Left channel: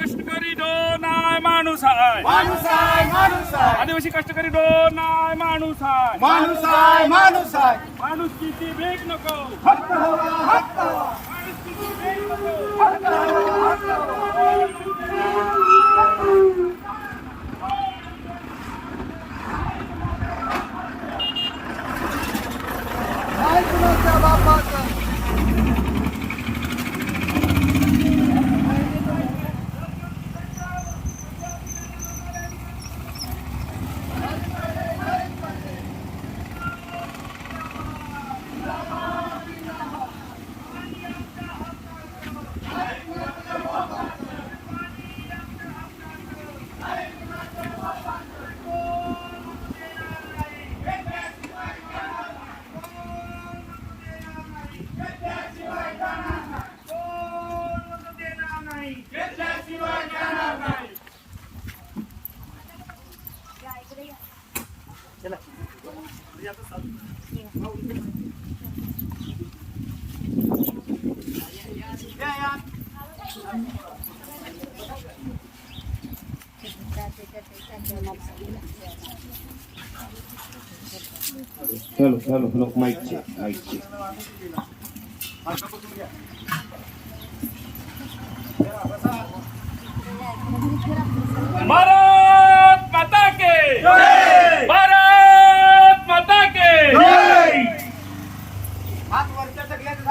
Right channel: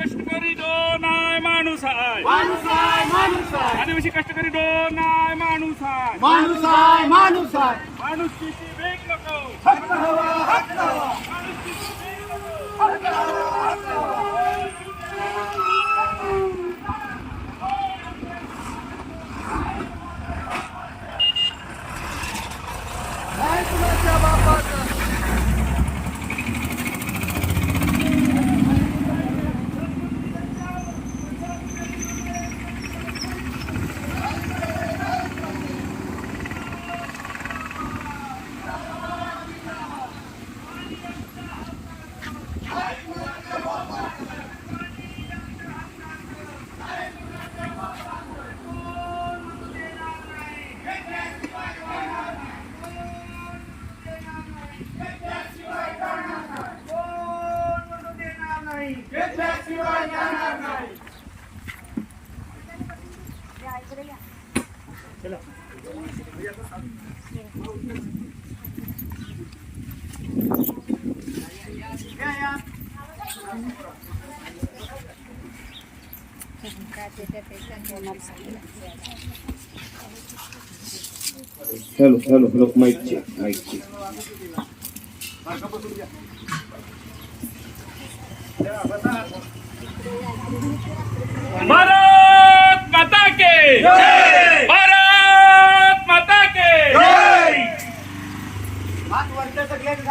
कष्टकरी डोन आहे माणूस आहे माणूस आहे माणूस आहे आदिवासी कष्टकरी डोन आहे माणूस आहे माणूस आहे माणूस आहे माणूस किती भेट नको. हक्क हवा हक्क हवा. माणुसकीची भेट नको. हक्क हवा हक्क हवा. घेतल्याशिवाय जाणार नाही hello hello hello mike check mike check Bharat माता के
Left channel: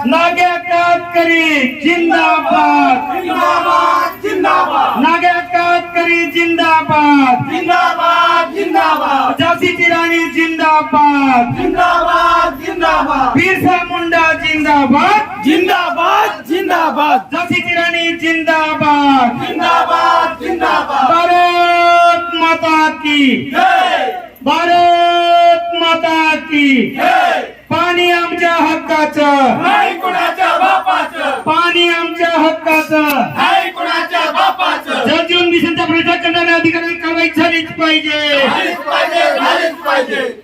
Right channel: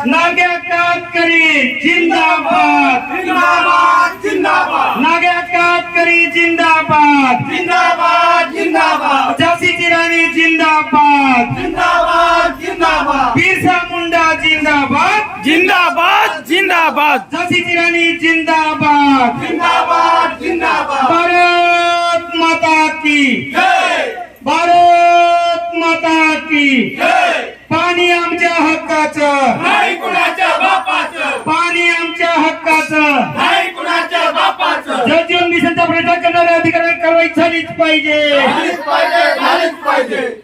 नाग्या कातकरी जिंदाबाद. जिंदाबाद जिंदाबाद. नाग्या कातकरी जिंदाबाद. जिंदाबाद जिंदाबाद. झाशीची राणी जिंदाबाद. जिंदाबाद जिंदाबाद. बिरसा मुंडा जिंदाबाद. जिंदाबाद जिंदाबाद. झाशीची राणी जिंदाबाद. जिंदाबाद जिंदाबाद. भारत माता की. जय. भारत माता की. जय. पाणी आमच्या हक्काचं. नाही कुणाच्या बापाचं. पाणी आमच्या हक्काचं. नाही कुणाच्या बापाचं. जलजीवन मिशनचा प्रयत्न करणाऱ्या अधिकाऱ्यांना कारवाई झालीच पाहिजे. झालीच पाहिजे पाहिजे.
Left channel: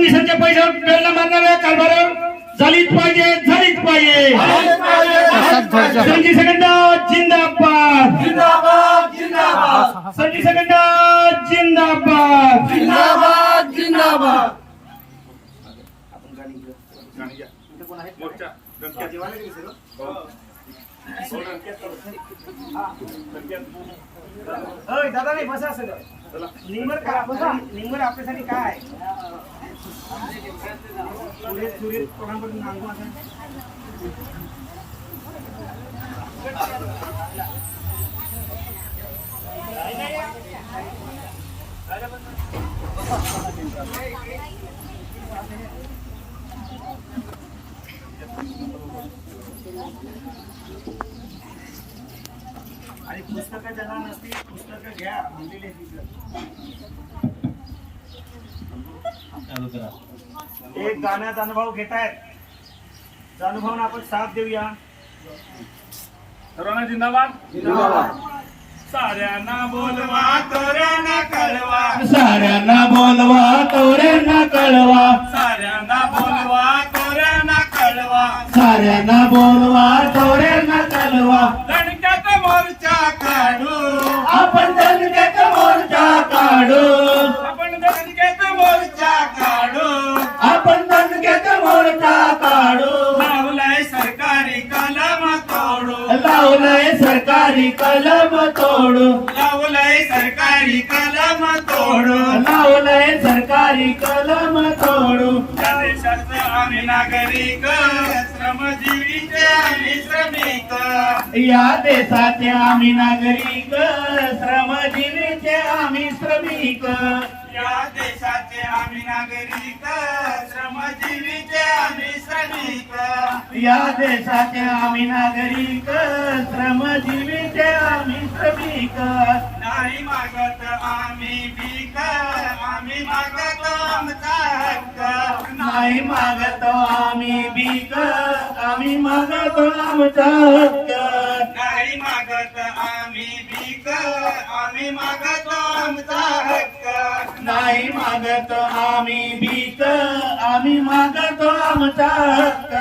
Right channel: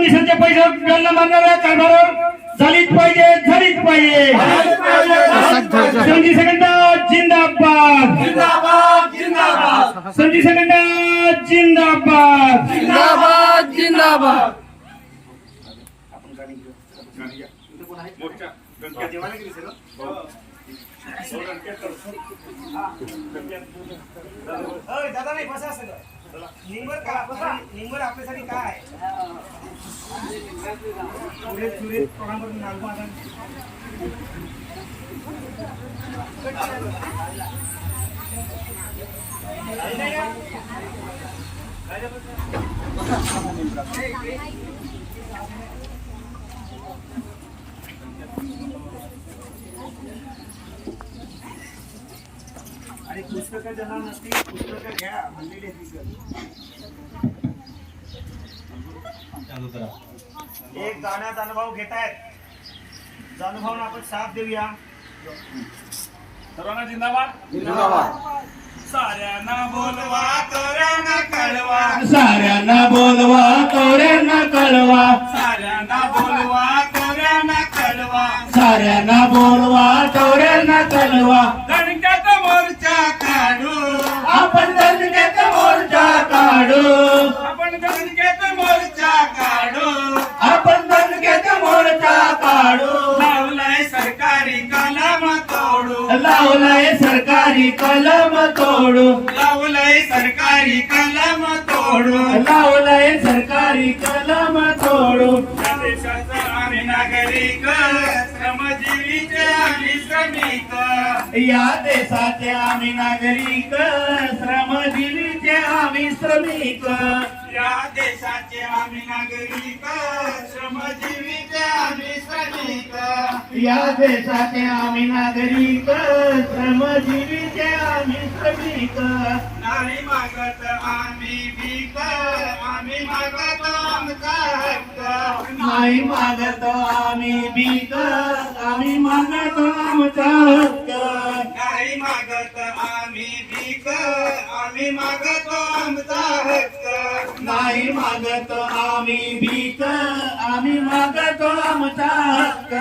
मिशनच्या पैशावर डल्ला मारणाऱ्या कारभारावर झालीच पाहिजे झालीच पाहिजे. झालीच पाहिजे संजी सेकंदा जिंदाबाद. जिंदाबाद जिंदाबाद. संजी सेकंदा जिंदाबाद. जिंदाबाद जिंदाबाद. दादा नाही बसा सगळं. निंबर का? बसा. निंबर आपल्यासाठी काय आहे? सुरेश सुरेश कोणाकडून नांगू आता? एक गाण्यात अनुभव घेतायत. अनुभव आपण साथ देऊया. सर्वांना जिंदाबाद. साऱ्यांना बोलवा तोऱ्यांना कळवा. साऱ्यांना बोलवा तोऱ्यांना कळवा. साऱ्यांना बोलवा तोऱ्यांना कळवा. साऱ्यांना बोलवा तोऱ्यांना कळवा. दणक्यात मोर्चा काढू लावलंय सरकारी कलम तोडू लावलंय सरकारी कलम तोडू लावलंय सरकारी कलम तोडू या देशाचे आम्ही नागरिक श्रमजीवीचे आम्ही श्रमिक. या देशाचे आम्ही नागरिक श्रमजीवीचे आम्ही श्रमिक. देशाचे आम्ही नागरिक श्रमजीवीचे आम्ही श्रमिक. या देशाचे आम्ही नागरिक श्रमजीवीचे आम्ही श्रमिक. नाही मागत आम्ही भीक आम्ही मागतो आमचा हक्क. नाही मागतो आम्ही भीक आम्ही मागतो आमचा हक्क. नाही मागत आम्ही भीक आम्ही मागतो मागतो आम्ही भीक आम्ही मागतो आमचा हक्क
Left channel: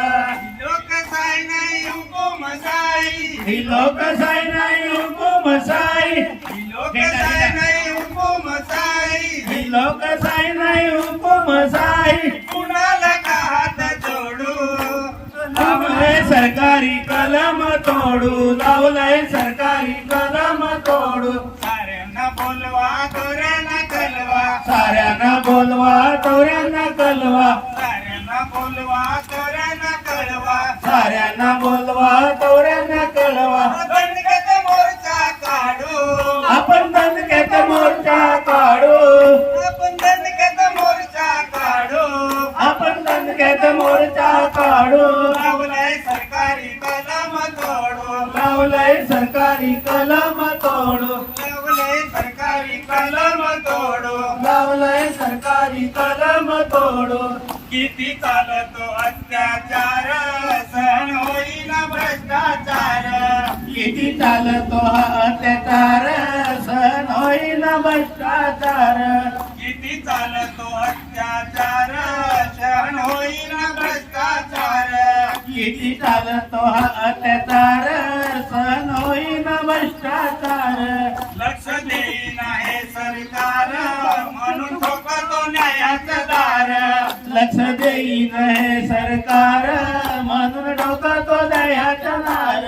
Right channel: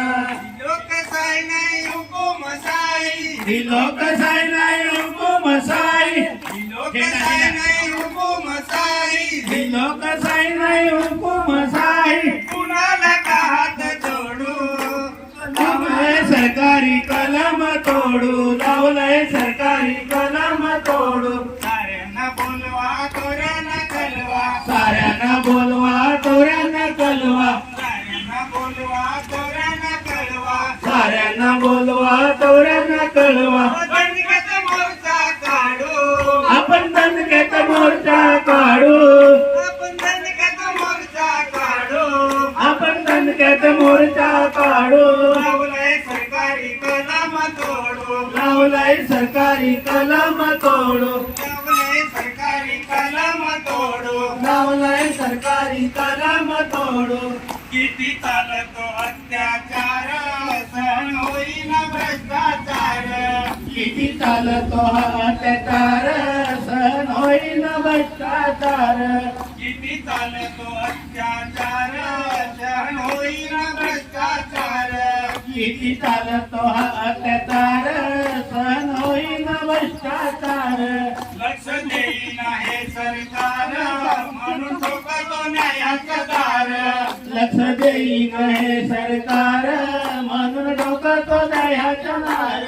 लोकशाही नाही हुकुमशाही ही लोकशाही नाही हुकुम हुकुमशाही लोकशाही नाही हुकुमशाही लोकशाही नाही हुकुमशाही कुणाला सरकारी कलम तोडो. किती चालतो अत्याचार सहन होईना भ्रष्टाचार. किती चालतो अत्याचार सहन होईना भ्रष्टाचार. किती चालतो अत्याचार सहन होईना भ्रष्टाचार. किती चालतो अत्याचार सहन होईना भ्रष्टाचार. लक्ष देईना हे सरकार. ठोकतो लक्ष देईन हे सरकार. म्हणून डोका तो दह्याचा नार.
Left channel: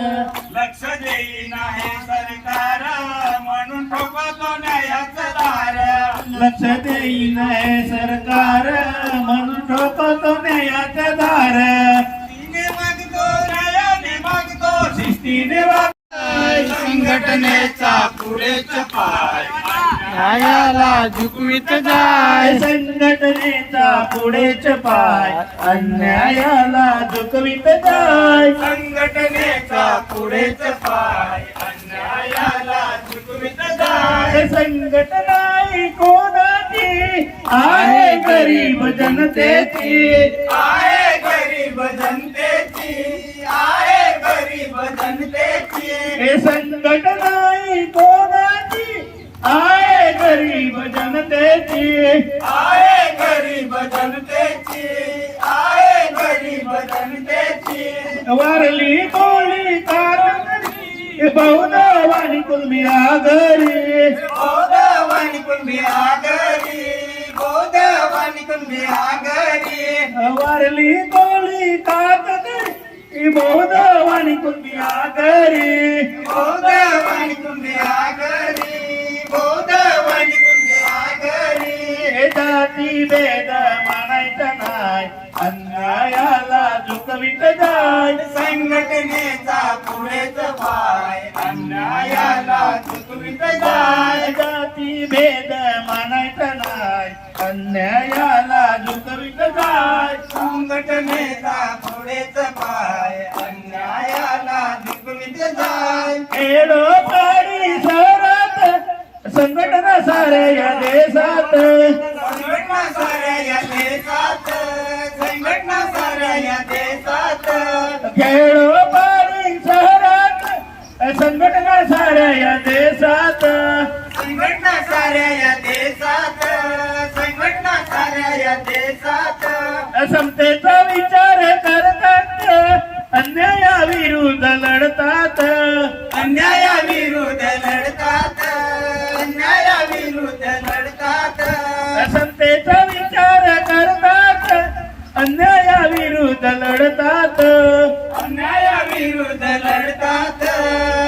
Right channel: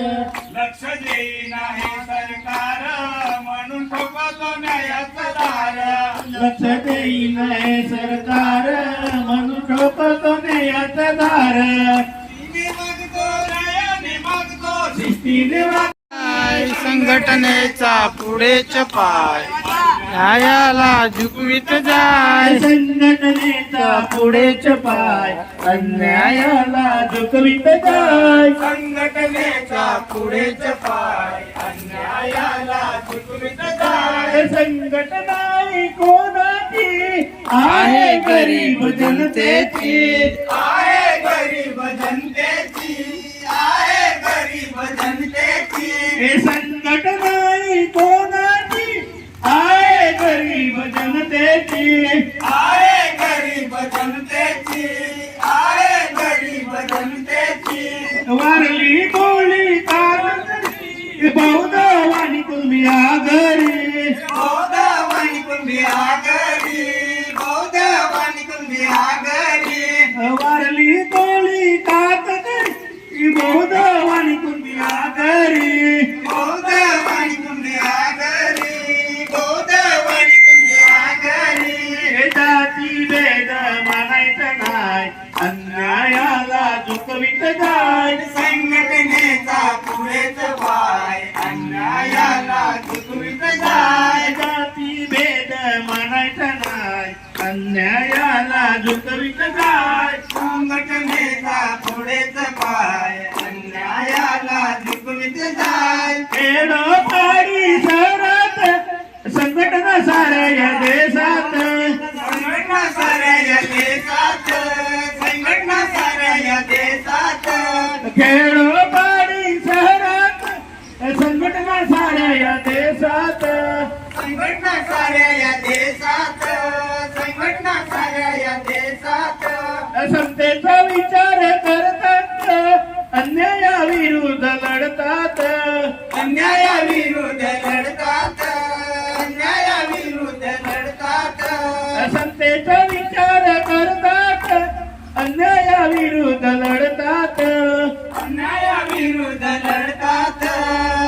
लक्ष देईन हे सरकार. म्हणून ठोकतो न्यायाचं दार. लक्ष देईन हे सरकार. म्हणून डोका तो दह्याचा दार मागतो न्यायाने मागतो. शिस्तीने संघटनेचा पुढेच पाय. न्यायाला झुकवित जाय. संघटनेचा पुढेच पाय अन्यायाला झुकवित जाय. संघटनेचा पुढेच पाय अन्यायाला झुकवित जाय. संघटना ही कोणाची? आहे गरीब जनतेची. आहे गरीब जनतेची. आहे गरीब जनतेची. हे संघटना ही कोणाची आहे गरीब जनतेची आहे गरीब जनतेची आहे गरीब जनतेची वारली गोळी कारकरी बौद्ध वाणी कुलमी आगरी. बौद्धवाणी कुंभी आगरी. बौद्धवाणी कुंभी आगरी. वारली कारकरी बौद्ध वाणी कुलमी आगरी. बौद्धवाणी कुंभी आगरी. बौद्धवाणी कुंभी आगरी. जाती भेद मानायचा नाही. अन्यायाला झुकवित जाय. संघटनेचा पुढेच पाय. जाय जाती भेद मानायचा नाही. अन्यायाला झुकवित जाय. संघटनेचा पुढेच पाय. अन्यायाला चुकवित जाय. खेडो पाडी शहरात संघटना साऱ्या या देशात. संघटना साऱ्या या देशात. संघटना साऱ्या या देशात. खेडो समतेचा विचार करतात. अन्यायाविरुद्ध लढतात. अन्यायाविरुद्ध लढतात. अन्यायाविरुद्ध लढतात. समतेचा विचार करतात. अन्यायाविरुद्ध लढतात. अन्यायाविरुद्ध लढतात.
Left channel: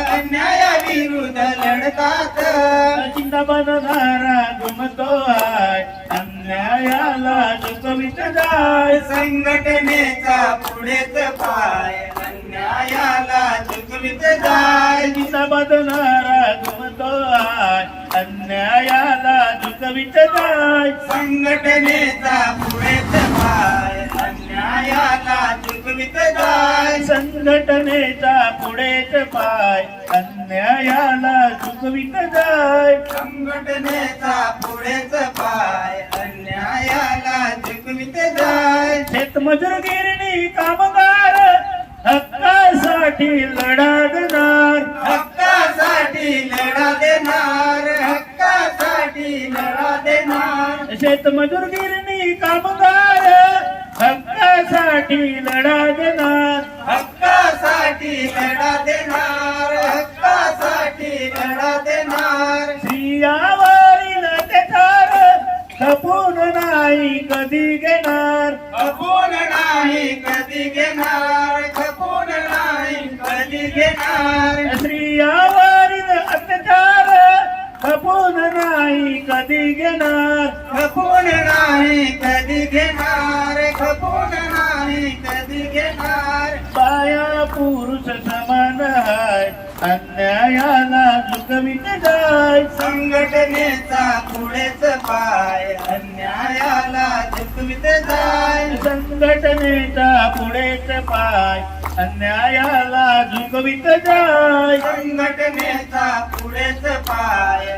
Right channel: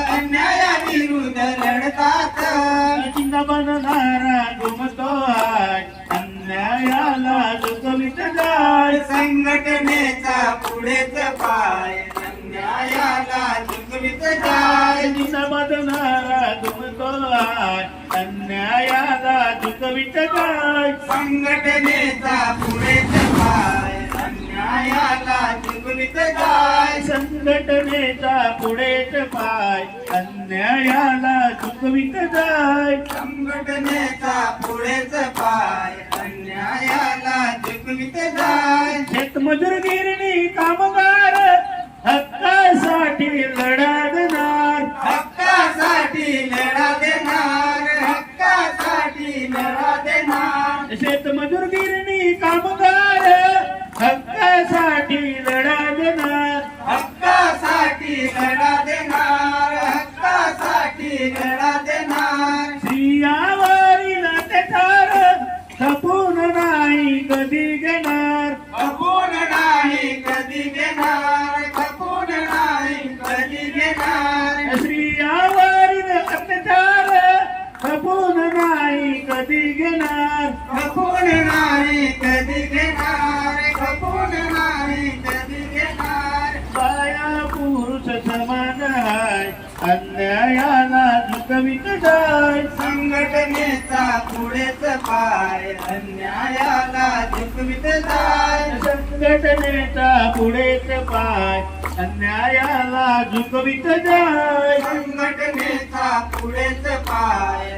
अन्यायाविरुद्ध लढतात. जिंदाबाद नारा जाय संघटनेचा पुढेच पाय. अन्यायाला झुकवित जाय. जिंदाबाद नारा घुमतो आहे अन्यायाला झुकवित जाय. संघटनेचा पुढेच पाय. अन्यायाला झुकवित जाय. संघटनेचा पुढेच पाय. अन्यायाला झुकवित जाय. संघटनेचा पुढेच पाय. जाय. शेतमजूर गिरणी कामगार हक्कासाठी लढा देणार. हक्कासाठी लढा देणार. हक्कासाठी लढा देणार. शेतमजूर गिरणी कामगार हक्कासाठी लढा देणार. हक्कासाठी लढा देणार. हक्कासाठी लढा कधी घेणार? खपून नाही कधी घेणार? खपून नाही कधी घेणार? बाया पुरुष समान हाय अन्यायाला झुकवित जाय. संघटनेचा पुढेच पाय अन्यायाला झुकवित जाय. संघटनेचा पुढेच पाय अन्यायाला झुकवित जाय. संघटनेचा पुढेच पाय